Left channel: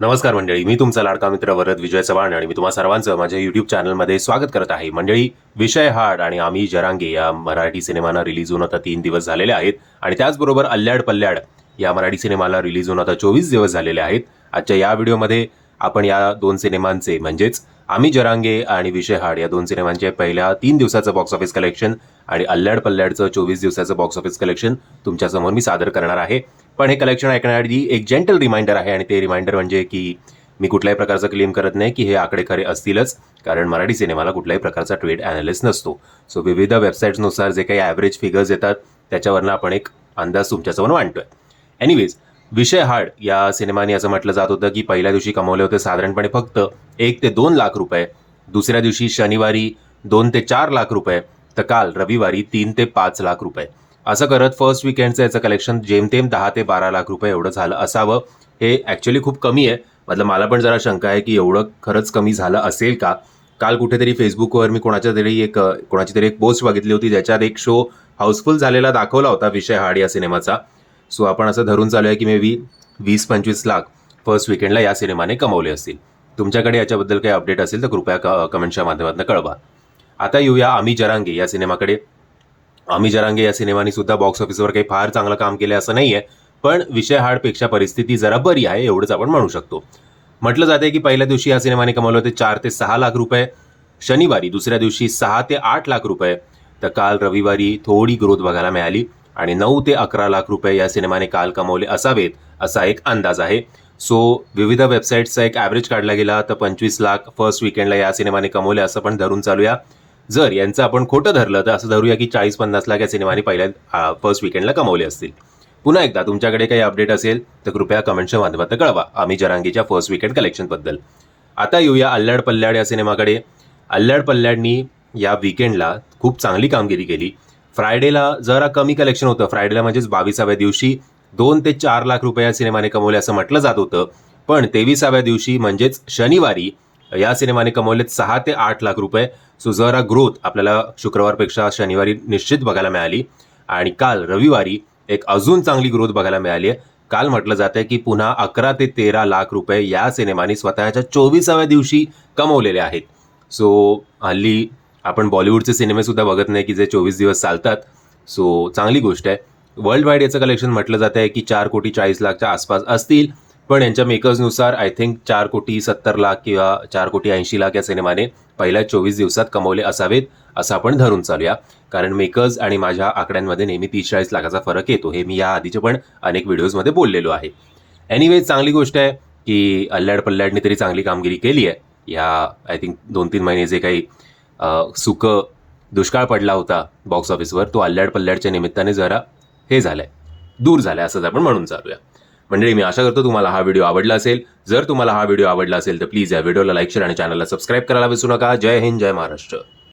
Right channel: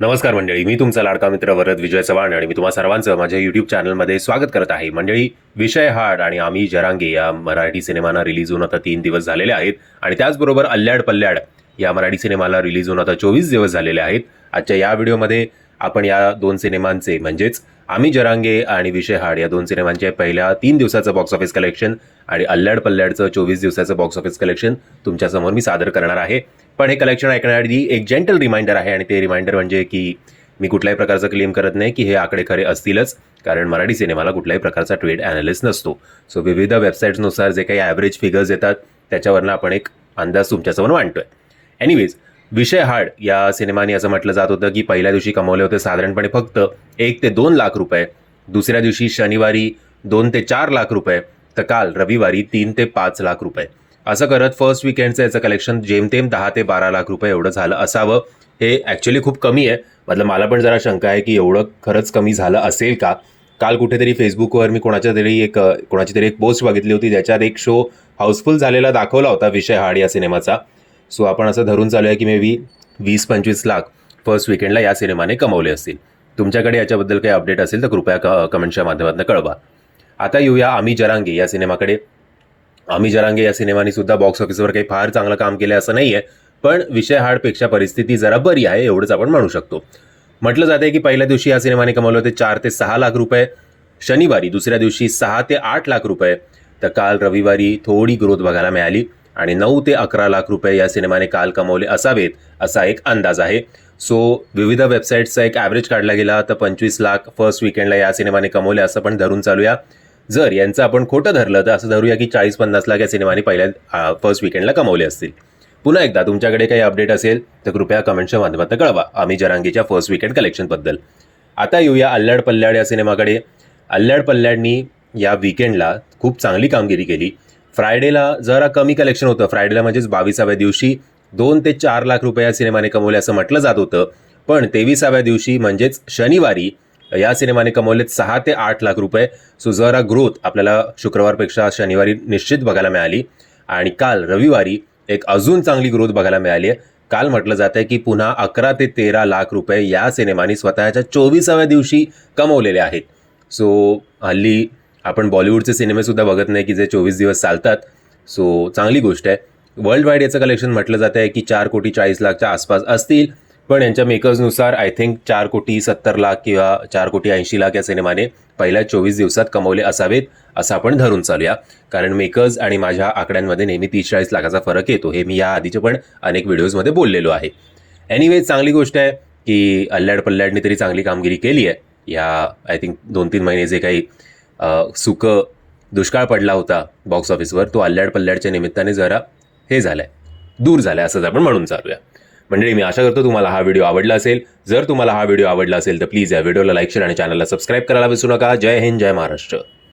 नमस्कार मंडळी मी तुमचा लाडका मित्र वरद विजय चव्हाण आणि मी तुम्हा सर्वांचं माझ्या युट्यूब चॅनलमध्ये स्वागत करत आहे. मंडळी विषय हाड आणि आम्ही जरांगे या मराठी सिनेमाना रिलीज होऊन आता तीन दिवस झालेले आहेत आणि त्याचबरोबर अल्ल्याड पल्ल्याड या मराठी सिनेमाला रिलीज होऊन आता चोवीस दिवस झालेले आहेत. आजच्या या व्हिडिओमध्ये आपण या दोन सिनेमांचे म्हणजेच आम्ही जरांगे आणि विषय हाड या दोन सिनेमांचे पहिल्या तीन दिवसाचं बॉक्स ऑफिस कलेक्शन आणि अल्लड पल्ल्याडचं चोवीस दिवसाचं बॉक्स ऑफिस कलेक्शन तुमच्यासमोर मी सादर करणार आहे. पण हे कलेक्शन ऐकण्याआधी एक जेंटल रिमाइंडर आहे आणि ते रिमाइंडर म्हणजे की मी कुठल्याही प्रकारचं क्लेम करत नाही की हे आकडे खरे असतीलच कारण मराठी सिनेमाला कुठल्याही प्रकारचा ट्रेड अनालिस्ट नसतो. सो विविध वेबसाईट्सनुसार जे काही ॲव्हरेज फिगर्स येतात त्याच्यावरनं आपण एक अंदाज तुमच्यासमोर मांडतोय. एनिवेज विषय हाड या सिनेमाने असं म्हटलं जात होतं की पहिल्या दिवशी कमवले होते साधारणपणे फक्त एक ते दोन लाख रुपये. दुसऱ्या दिवशी शनिवारी दोन ते चार लाख रुपये. तर काल रविवारी तीन ते पाच लाख रुपये. असं करत फर्स्ट विकेंडचं याचं कलेक्शन जेमतेम दहा ते बारा लाख रुपये एवढं झालं असावं. हे ॲक्च्युली खूप कमी आहे. मतलब मला पण जरा शंका आहे की एवढं खरंच कमी झालं असेल का? काल कुठेतरी फेसबुकवर मी कोणाच्या तरी एक कोणाची तरी एक पोस्ट बघितली होती ज्याच्यात एक शो हाऊसफुल झालेला दाखवला होता विषय हाड या सिनेमाचा. सो आपण असं धरून चालू आहे की मे बी वीस पंचवीस लाख फर्स्ट विकेंडला या सिनेमाने कमवले असतील. तुमच्याकडे याच्याबद्दल काही अपडेट असेल तर कृपया क- कमेंटच्या माध्यमातून कळवा. आता येऊया आम्ही जरांगे या सिनेमाकडे. आम्ही जरांगे या सिनेमाने सुद्धा बॉक्स ऑफिसवर काही फार चांगलं काम केलं असं नाही आहे पण विषय हाडपेक्षा परिस्थिती जरा बरी आहे एवढंच आपण म्हणू शकतो. म्हटलं जाते की पहिल्या दिवशी या सिनेमाने कमवले होते चार ते सहा लाख रुपये शनिवारी दुसऱ्या दिवशी सहा ते आठ लाख रुपये. तर काल रविवारी थोडी ग्रोथ बघायला मिळाली. आणि नऊ ते अकरा लाख रुपये या सिनेमाने काल कमवले असावेत असा एक अंदाज आहे. सो विविध वेबसाईटचा एक ॲव्हरेज काढला गेला तर पंचवीस लाख फर्स्ट विकेंडला या सिनेमाने कमवले असं पण धरून चालूया. जर यांचं आपण खोटं धरलं तर असं धरूया की चाळीस पन्नास लाख या सिनेमाने पहिल्या फर्स्ट विकेंडला कमवले असतील. पुन्हा एकदा तुमच्याकडे काही अपडेट असेल तर कृपया कमेंटच्या माध्यमातून कळवा आम्ही जरांगीच्या फर्स्ट विकेंड कलेक्शनबद्दल आता येऊया अल्ल्याड पल्ल्याड या सिनेमाकडे. अल्ल्याड पल्ल्याडनी या विकेंडला खूप चांगली कामगिरी केली. फ्रायडेला जरा कमी कलेक्शन होतं. फ्रायडेला म्हणजेच बावीसाव्या दिवशी दोन ते चार लाख रुपये या सिनेमाने कमवले असं म्हटलं जात होतं. पण तेविसाव्या दिवशी म्हणजेच शनिवारी या सिनेमाने कमवलेत सहा ते आठ लाख रुपये. सो जरा ग्रोथ आपल्याला शुक्रवारपेक्षा शनिवारी निश्चित बघायला मिळाली. आणि काल रविवारी एक अजून चांगली ग्रोथ बघायला मिळाली आहे. काल म्हटलं जात आहे की पुन्हा अकरा ते तेरा लाख रुपये या सिनेमाने स्वतःच्या चोवीसाव्या दिवशी कमवलेले आहेत. सो हल्ली आपण बॉलिवूडचे सिनेमे सुद्धा बघत नाही की जे चोवीस दिवस चालतात. सो चांगली गोष्ट आहे. वर्ल्ड वाईड याचं कलेक्शन म्हटलं जात आहे की चार कोटी चाळीस लाखच्या आसपास असतील. पण यांच्या मेकर्सनुसार आय थिंक चार कोटी सत्तर लाख किंवा चार कोटी ऐंशी लाख या सिनेमाने पहिल्या चोवीस दिवसात कमवले असावेत असं आपण धरून चालूया. कारण मेकर्स आणि माझ्या आकड्यांमध्ये नेहमी तीस चाळीस लाखाचा फरक येतो. हे मी या आधीच्या पण अनेक व्हिडिओजमध्ये बोललेलो आहे. एनिवेज चांगली गोष्ट आहे की अल्ल्याड पल्ल्याडनी तरी चांगली कामगिरी केली आहे. या आय थिंक दोन तीन महिने जे काही सुकं दुष्काळ पडला होता बॉक्स ऑफिसवर तो अल्ल्याड पल्ल्याडच्या निमित्ताने जरा हे झालंय. दूर झालंय असंच आपण म्हणून चालूया. मंडळी मी आशा करतो तुम्हाला हा व्हिडिओ आवडला असेल. जर तुम्हाला हा व्हिडिओ आवडला असेल तर प्लीज या व्हिडिओला लाईक शेअर आणि चॅनलला सबस्क्राईब करायला विसरू नका. जय हिंद जय महाराष्ट्र.